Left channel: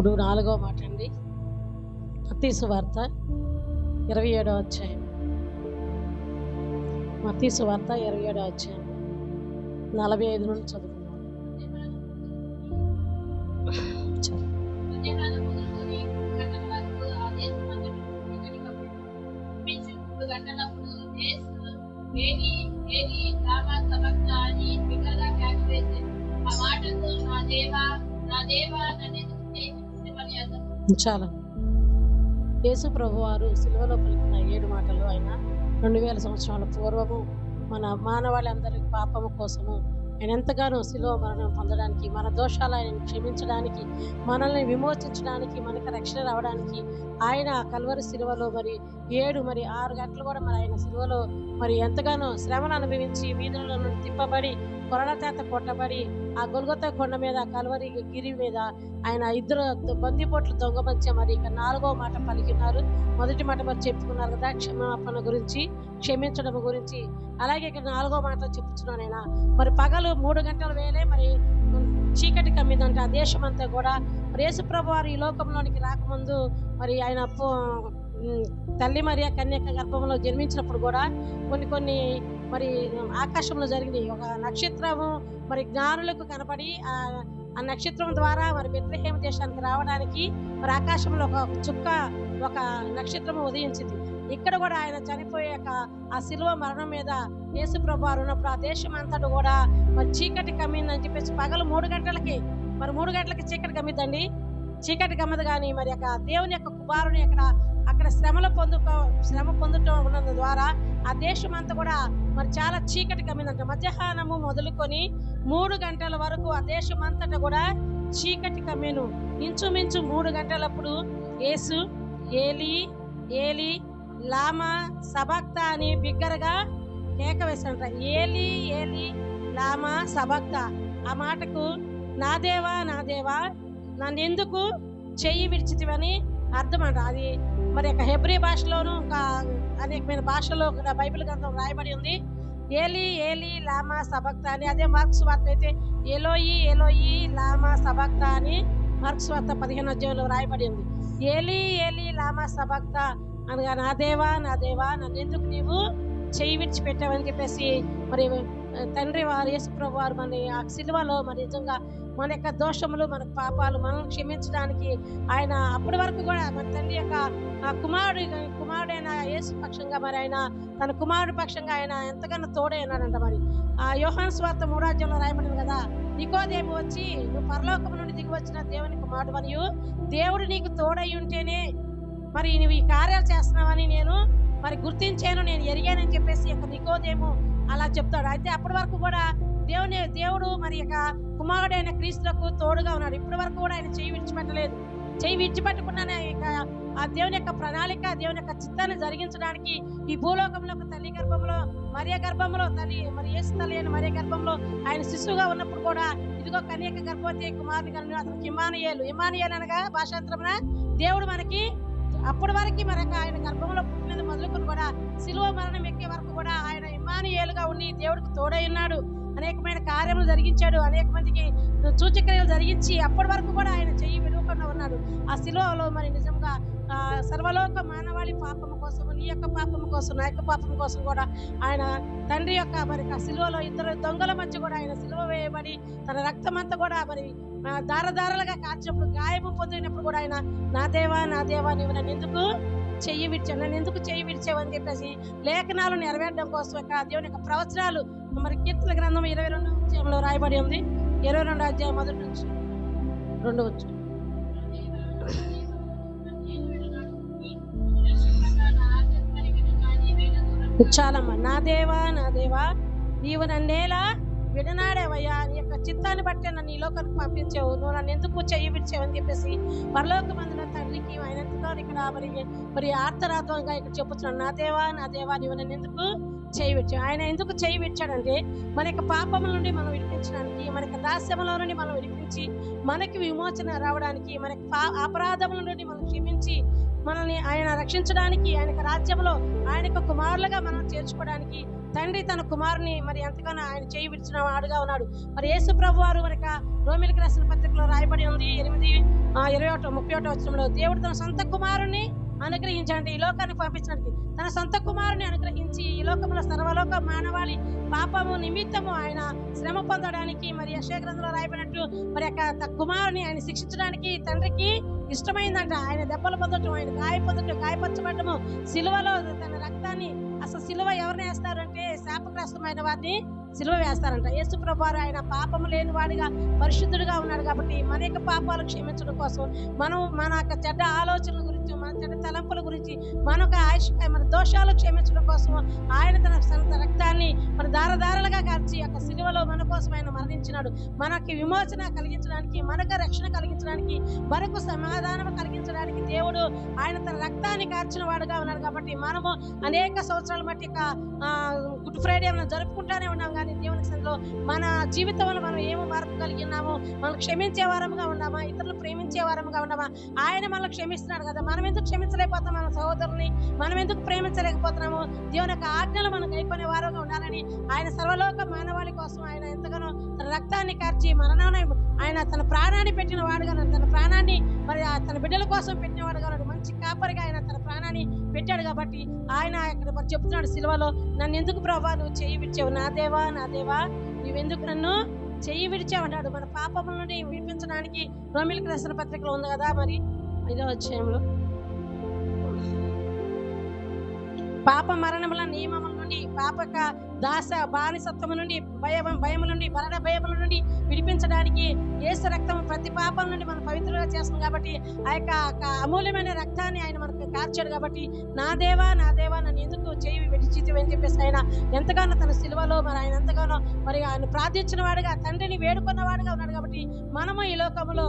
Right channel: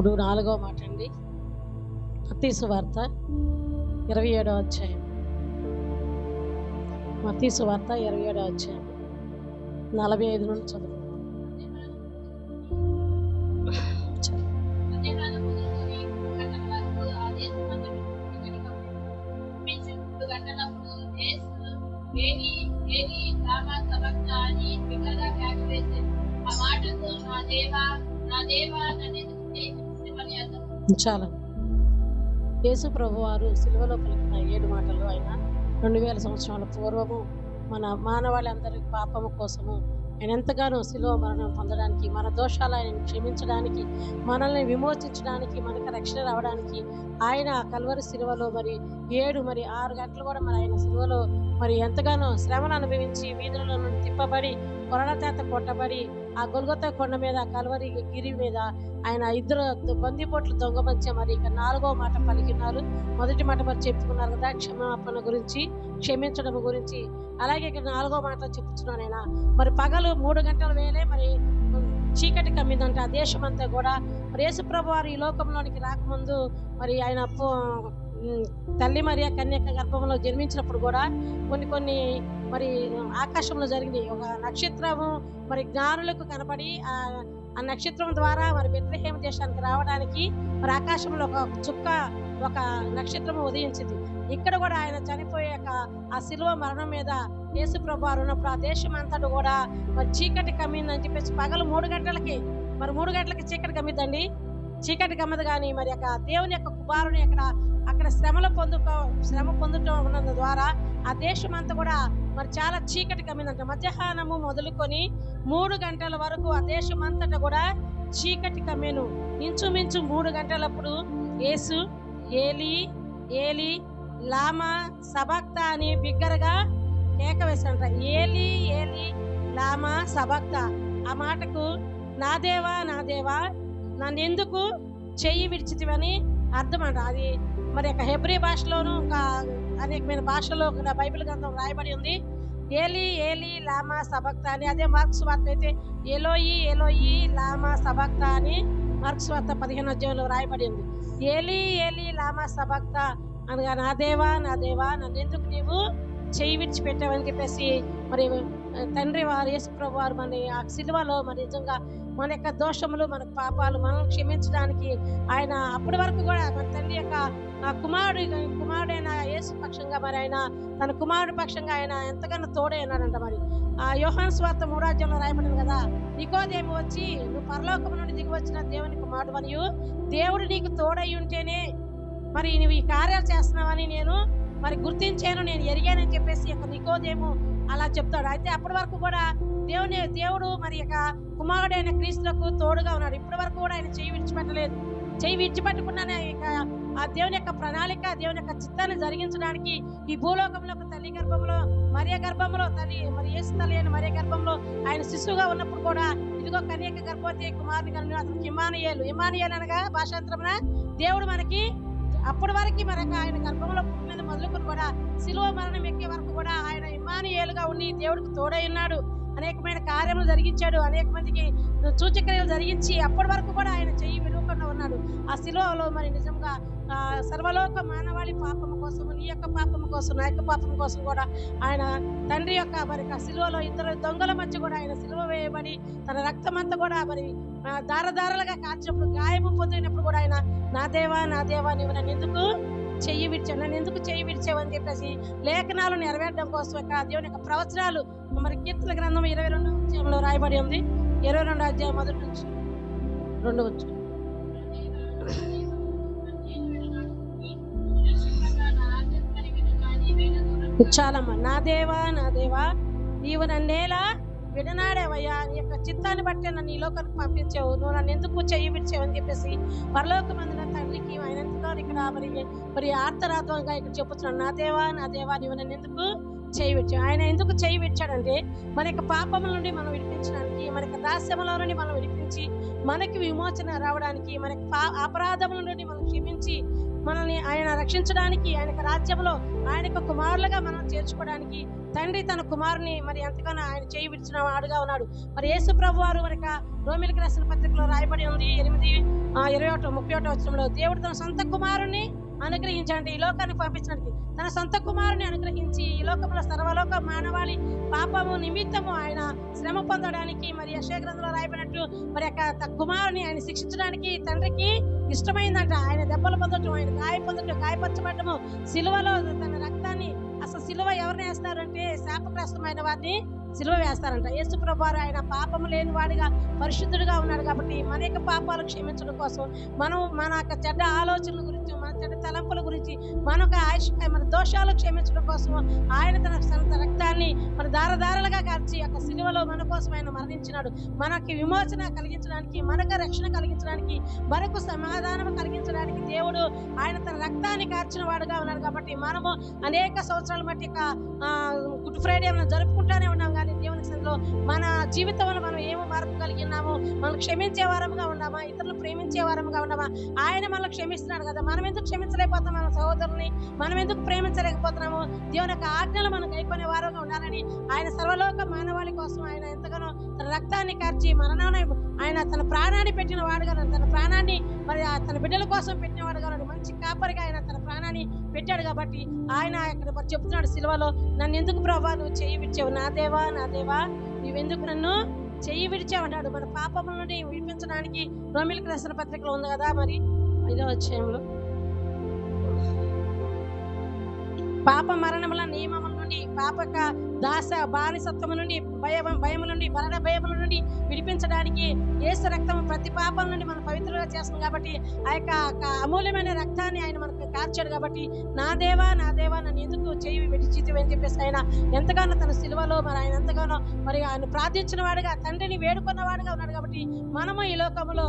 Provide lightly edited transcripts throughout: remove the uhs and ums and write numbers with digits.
ఇప్పుడు 4వ మాట అండి. మత్తయి సువార్త 27వ అధ్యాయం. మత్తయి సువార్త 27వ అధ్యాయం 45 నుండి చదువుకుందాం. చాలా యేసు ప్రభువారు సిలువలో పలికిన 7 మాటలు ఆయన 2000 సంవత్సరాల పూర్వము మన మానవాళి పాపము కోసము ఆయన ఎంతగానో సిలువ మరణం పొందడానికి, మన దోషాలు ఆయన క్షమించడానికి, మనల్ని విమోచించడానికి, మనకు రక్షణ రావడానికి ఆయన కల్వరి సిలువలో 6 గంటలు కూడా ఆయన సిలువలో ఎంతగానో శ్రమను అనుభవించి వీధులలో నుండి తిప్పబడి కొరడ చేత కొట్టబడి ఆ గొల్గొతా కొండ మీద కల్వరి గిరి మీద ఆయన 2 బందిపోట్లు దొంగమంచి ఇక 4వ మాట పలికినారు. మొదటి మాట చెప్పుకున్నారు కదా, క్షమాపణ గురించి, క్షమించడం గురించి. అలాగే ఇక్కడ 4వ మాట చెప్తున్నాను. ఆయన పగలు 3 గంటల వేలే చీకటి కమ్మిందంట ఆ దేశం అంతా కూడా. యేసు ప్రభు వారు ఈ లోకంలోనికి రాకముందు ఆయన తల్లి మరియ కన్యక గర్భంలో జన్మించినప్పుడు కూడా కొన్ని ఆకాశంలో జరిగినాయి. ఒక నక్షత్రము జ్ఞానులకు కనపడి ఆ నక్షత్రం ద్వారా బెత్లెహేము దేశానికి రావడానికి ఆకాశంలో ఒక చుక్క, ఒక నక్షత్రము ఉదయించింది. ఇక్కడ కూడా ఆయన చనిపోయాక ఆ సిలువ మరణం మీద యేసు ప్రభు వారు ఉన్నప్పుడు ఆ దేశం అంతటా కూడా చీకటి కమ్మిందని చెప్పేసి పగలు 3 గంటలకి 3 గంటలకి చీకటి కమ్మిద్దండి. చీకటి కమ్మదు. కానీ దేవుని యొక్క కుమారుని అక్కడ శ్రమ పొందుతూ ఉన్నందు ద్వారా ఆ దేశం అంతా కూడా చాలా చీకటి కమ్మిందంట. మధ్యాహ్నము మొదలుకొని 3 గంటల వరకు ఆ దేశం అంతటా కూడా చీకటి కమ్మేను. ఇంచుమించు 3 గంటలప్పుడు యేసు ఏలి ఏలి లామా సబక్తా అని బిగ్గరగా కేక వేశాడంట. ఏలి ఏలి లామా సబక్తా. ఆ మాటకు నా దేవా నా దేవా నన్ను ఎందుకు చెయ్యి విడిచితివని అర్థం అంట. అది హెబ్రీ భాషలోను ఇంకా అనేకమైన భాషలో బైబిల్ గ్రంథం రాయబడి ఉంది. ఏలి ఏలి లామా సబక్తా అని. అదే మార్క్స్ వార్త అయితే ఎలోయి ఎలోయి లామా సబక్తా అని మార్క్స్ వార్త 15వ అధ్యాయంలో రాయబడి ఉంది. ఏలి ఏలి లామా సబక్తా అనగా నా దేవా నా దేవా నన్ను ఎందుకు నీవు చెయ్యి విడిచిపెట్టావని చెప్పేసి తండ్రి వారు యేసు ప్రభు వారు ఆ సిలువలో నిజంగా మన యొక్క దోషములు, మన పాపాలు మనం క్షమించడానికి ఆయన అప్పటి వరకు కూడా మన తండ్రి యొక్క కుమారుడైన యేసు పక్షంగా ఆయన తన కుమారుడి పక్షంగా ఆయన ఎంతగానో తోడైనాడంట. ఆ యోహాను సువార్త 3వ అధ్యాయంలో రాయబడింది కదా, నికోదేము వచ్చి నువ్వు పరలోకము నుండి దిగి వచ్చిన దేవుని కుమారుడు మరియు దేవుడు నీకు తోడై ఉంటేనే నువ్వు ఈ కార్యాలు చేస్తున్నావని నేను గుర్తించాను, నేను ఎరిగానని చెప్పేసి నికోదేము అలా చెప్తాడు. అయితే అప్పటి వరకు కూడా దేవుడు కుమారుడైన క్రీస్తులకు తోడుగా ఉన్నాడు. ఇప్పటి వరకు కూడా ఆయన చెయ్యి విడిచిపెట్టలేదు. చెయ్యి విడిచిపెట్టకుండానే ఆ దేవుని యొక్క ప్రణాళిక, దేవుని యొక్క చిత్తాన్ని జరిగించడానికి ఈ భూలోకంలో తల్లి గర్భంలో మరియ గర్భంలో యేసు తల్లి అయిన మరియ గర్భంలో ఆయన శిశువుగా ఉన్నప్పుడు కూడా ఇదిగో కన్యక గర్భవతి కుమారుని కను అతనికి ఇమ్మానుయేలు అనగా భాషాంతరమున దేవుడు అప్పటి వరకు ఆయన గర్భంలో పుట్టినది మొదలుకొని కూడా సిలువ మరణం ఎక్కే వరకు కూడా ఆయన ఇమ్మానుయేలుగా ఉండి దేవుడికి తోడై ఉన్నాడు. అనేకమైన కార్యములు జరిగించాడు, అనేక మందికి సూచక్రియలు జరిగించి అప్పటి వరకు కూడా ఆయన చెయ్యి విడవకుండా ఉన్నాడు. ఆ సిలువలో నిజంగా సర్వలోక మానవాళి పాపము కోసం, నీ యొక్క పాపము కోసం, నా యొక్క పాపం కోసం కూడా ఆయన తండ్రి యొక్క సిలువలో 2 దొంగల మధ్య కూడా ఆయన సిలువ వేయబడి తన రక్తం అంతా కూడా దారదారలుగా కాచినప్పుడు, గాయము పొందినప్పుడు కూడా ఆయన నా దేవా నా దేవా నీవు నన్ను ఎందుకు చెయ్యి విడిచావని చెప్పేసి లేఖనాలు నెరవేరడం కోసం దేవుని యొక్క ప్రవచనాలు కీర్తన గ్రంథం 22వ అధ్యాయంలో రాయబడి ఉంది. 22వ అధ్యాయం 1 నుంచి 2 వచ్చు. చాలమ్మా. నా దేవా నా దేవా నీవు నన్నేలా విడనాడేవయ్యా, నీ యొక్క చిత్తాన్ని బట్టే నన్ను ఈ లోకానికి పంపించావు, నువ్వు నన్ను ఎందుకు చెయ్యి విడిచావని చెప్పేసి పరలోకమందున తండ్రికి ఆయన ఎంతగా ఇక్కడ ఆర్తరాత్వంగా ఇక్కడ చెప్పుతున్నాడు. నా దేవా నా దేవా నీవు నన్ను ఎందుకు చెయ్యి విడిచావు. ఆయన ఎందుకు చెయ్యి విడిచాడంటే మన యొక్క పాపముల నుండి మనం విడిపించడానికి, మన యొక్క దాస్యముల నుండి మనం విడిపించి మనకి విమోచన రావడానికి, మన అపరాధముల నుండి మనం క్షమించి మనల్ని ఆయన రక్షించడానికి, ఆయన రాజ్యంలో ఆయన కుమారులుగా మనం చేర్చుకోవడానికి తండ్రి తన కుమారుని మరి ఎంతగానో ఆయన చేయి విడిచిన వాడుగా ఉన్నాడు. మరి యేసు ప్రభు వారు మరి రోమిలికి రాసిన పత్రికలో రాయబడి ఉంది 8:21 వచనంలో, దేవుడు తన సొంత కుమారుని అనుగ్రహించండి, ఈ లోకానికి పంపించడానికి తన సొంత కుమారుని అనుగ్రహించి ఈ లోకంలో సర్వలోక మానవాళి పాపము నిమిత్తము ఆయన శ్రమ పొందడానికి మరి యెషయా గ్రంథంలో రాయబడినట్టు మరి కుమారుని ఆయన శిక్షించడానికి తండ్రికి ఇష్టమైందంట. ఆయన దెబ్బలు పొందటం, ఆయన గాయపరచబడటము, సిలువలో తన రక్తాన్ని, అసలు సిలువ ఎవరిని వేస్తారంటే శాపగ్రస్తమైన వారిని సిలువ వేస్తారంట. యేసు ప్రభు వారు ఆయన పాపము లేని వాడిగా పరిశుద్ధుడిగా ఉన్నాడు కాబట్టి మన యొక్క పాపాలు క్షమించడం కోసం, మన యొక్క చెడ్డ ఆలోచనల గురించి, మన చెడ్డ తలంపుల గురించి, మన దోషాలు క్షమించడం కోసం ఆయన తన రక్తాన్ని మన దారదారలుగా కార్చి యొక్క సిలువలో మన కోసం ఆయన మరణించినాడు. మనకి విమోచన కలిగించడానికి, మనకు రక్షణ కలిగించడానికి, మనకు సమాధానం కలిగించడానికి దేవుడు ఆయన తన రక్తాన్ని కార్చిన వాడుగా ఉన్నాడు. కాబట్టి మనము అనేక సంవత్సరాల మట్టి గుడ్ ఫ్రైడే మనం జరుపుకుంటానే ఉన్నాం, కానీ దేవునికి సన్నిధిలో మన జీవితంలో మనం ఏమో మార్పు కలిగి ఉన్నాము, మనం క్షమించే వారముగా ఉన్నామా, ఇతరులు ప్రేమించే వారముగా ఉన్నామా? ఆయన మనల్ని క్షమిస్తున్నాడు కదా, మనం ఎందుకు క్షమించలేకపోతాం? మన సహోదరుని మనం ఎందుకు ప్రేమించలేకపోతున్నాము? దేవుని యొక్క ఆజ్ఞలు మనం గైకొనే వారుగా ఉండాలని ఆయన సర్వలోక మానవాళి కోసం ఆయన ఎంతగానో తన రక్తాన్ని కార్చి మరణాన్ని ఆయన తన ప్రాణాన్ని పెట్టిన వాడుగా, తన ప్రాణాన్ని మరి తన బిడ్డల కోసం పెట్టిన వాడుగా, మంచి కాపరిగా ఆయన తన ప్రాణాన్ని పెట్టాడు. కాబట్టి ఆయన ఇక్కడ మరి చెప్తున్నాడు సిలువలో, నన్ను ఎందుకు ప్రభువా నువ్వు చెయ్యి విడిచావు? నా దేవా నా దేవా నువ్వెందుకు నన్ను చెయ్యి విడిచావన్నాడు. మన పాపముల నుండి విడిపించడానికి రోమిలికి రాసిన పత్రికలో ఉంది కదా, మరి 5వ అధ్యాయంలో పాప మరణముల నియమముల నుండి, పాపక బానిసత్వము నుండి, భయము నుండి, మరణ భయముల నుండి విడిపించడానికి యేసు రక్తము ప్రతి పాపం నుండి మనం పవిత్రంగా చేస్తుంది. కాబట్టి ఆ యొక్క అమూల్యమైన రక్తాన్ని ఆయన మనకు కార్చాడు. కాబట్టి నా దేవా నన్ను ఎందుకు చేయి విడిచితివి అని చెప్పేసి ఆయన ఎంతగానో తన సిలువలో మరి ఆయన ఎంతగానో మరి ఆయన ప్రార్థించిన వాడుగా, తండ్రిని వేడుకున్న వాడుగా ఉన్నాడు. కాబట్టి మనము ఈ లోకములో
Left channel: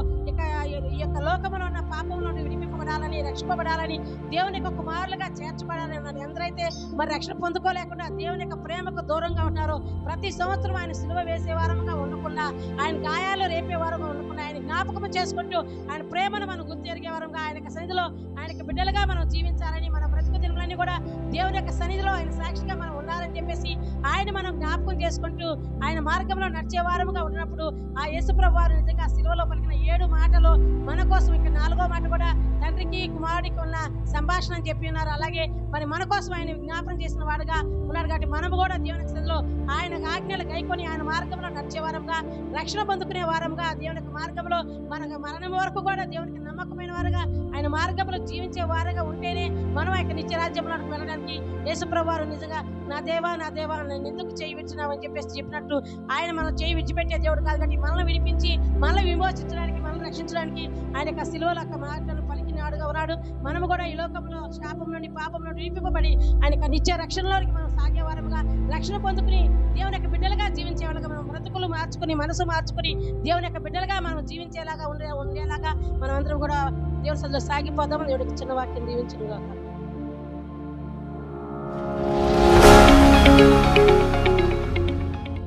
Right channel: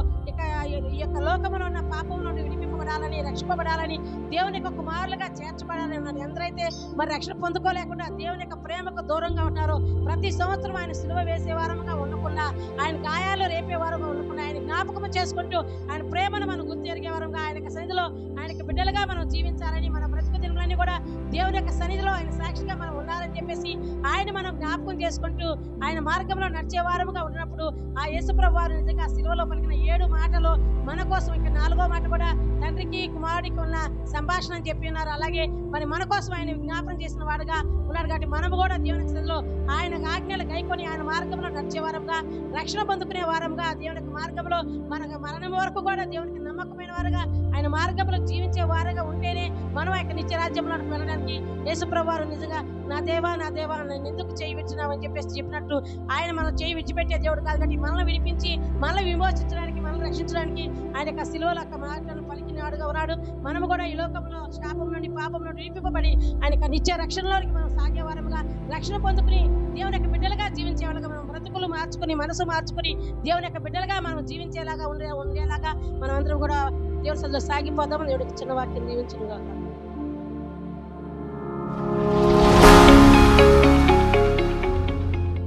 ఈ యొక్క లోకములో ఉన్న పాపం నుండి విడిపింపబడాలని, రక్షింపబడాలని, దేవుని యొక్క కుమారులుగా చేర్చబడాలని ఉన్నారు. ఎందరైతే మరి రక్షణ పొందుకోలేకుండా దేవుని యొక్క ప్రేమకు దూరంగా ఉన్నారో, ప్రతి సంవత్సరం ఆయన సిలువ వేసే వారంగా ఉండకుండా, ఆయన గాయాలు రేపే వారంగా ఉండకుండా, ఆయన జ్ఞాపకం చేసుకుంటూ ఆయన ప్రేమను మనం గుర్తెరిగే వారంగా, ఆయన సన్నిధిలో ఆయన బిడ్డలుగా మనం జీవించాలని, మన బ్రతుకు దినములన్నీ కూడా దేవుని యొక్క సన్నిధిలో ఆయన సాక్షిగా మనం ఉండాలని చెప్పేసి ఆయన మనం జ్ఞాపకం చేసుకుంటూ ఆయన మార్గంలో నడిచే వారముగా ఉన్నప్పుడు ఆ యేసు ప్రభువు వారు నిజంగా సిలువలో పలికిన 7 మాటలు మన కోసం, ఇక 4వ మాట కూడా తండ్రికి కుమారుడికి ఉన్న సంభాషణ అని చెప్పి ఉన్నారు. అలాగే మరి మన కోసం ఆయన జ్ఞాపకం చేసిన వాడుగా ఉన్నాడు. కాబట్టి మనము కూడా దేవుని సన్నిధిలో ఆయన ఆజ్ఞలు గైకొని ఆయన మార్గంలో నడిచే వారంగా, రక్షణ పొందుకునే వారంగా, దేవుని మార్గంలో మనకు మరణం వరకు కూడా దేవునికి నమ్మకమైన వారుగా ఆయన మార్గంలో జీవించే వారుగా ఉంటేనే మనం యొక్క నిత్య రాజ్యంలో వెళ్ళడానికి యేసు ప్రభువు వారు నిజంగా నా దేవా నన్ను ఎందుకు చేయి విడిచినావు అని చెప్పేసి చెప్పినట్టు ఆయన మనం చేయి విడిచిపెట్టే దేవుడు కాదు. కాబట్టి మనల్ని విడిపించి, మనల్ని విమోచించడానికి, మనల్ని రక్షించడానికి ఆయన యొక్క సిలువలో యొక్క మాటలను పలికినాడుగా ఉన్నాడు. మనము కూడా ఈ లోకంలో శాపం నుండి, పాపం నుండి విడిపింపబడి ఆయన యొక్క నిత్య రక్షణలోకి మనం సాగే వారముగా, రక్షణ పొందుకుని దేవుని యొక్క బిడ్డలుగా జీవించే వాళ్ళగా, మనం బ్రతుకులు మార్చుకుని, మనసు మార్చుకుని దేవుని యొక్క బిడ్డలుగా మనం జీవించేలాగా ఉండేలాగా మనం అందరం కూడా దేవుని సన్నిధిలో సాగిపోదాం. దేవుడికి చిన్న వాక్యం దీవించును గాక.